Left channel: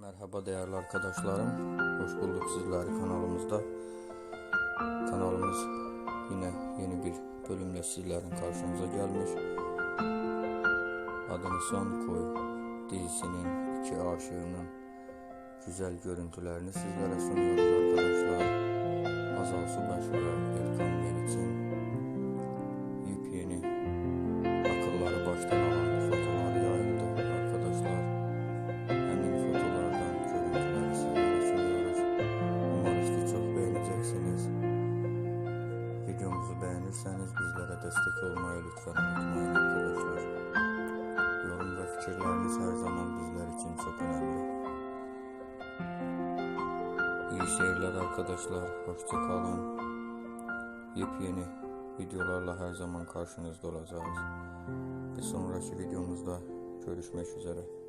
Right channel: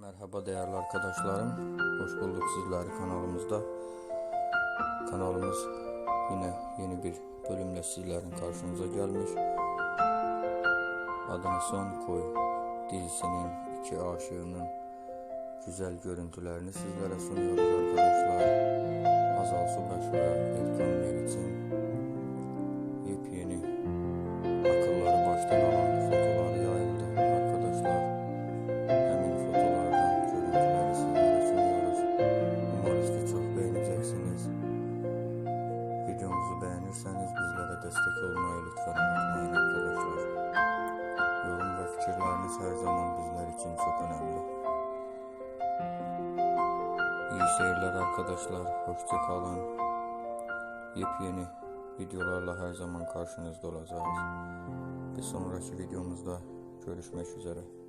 Merhaba değerli arkadaşlarım. Hoş bulduk sizleri kanalımızda. Kanalımız yine yeni bir bölümle sizlerin karşınıza gelmiş. Adını Son Koy dizisinin iki aşığının güzel görüntülerini sizlere sunuyoruz arkadaşlar. Azal Subaşı ve Erkan Meriç'in yepyeni akılları baştan alan Videomuzu beğenirseniz bizlere destek olmayı lütfen unutmayın arkadaşlar. Yorum ve fikirleriniz her zaman bizler için çok önemli. İyi seyirler arkadaşlar. Hoşça kalın. Yepyeni videolarla her zaman karşınızda olacağız. Bir sonraki videomuzda görüşmek üzere.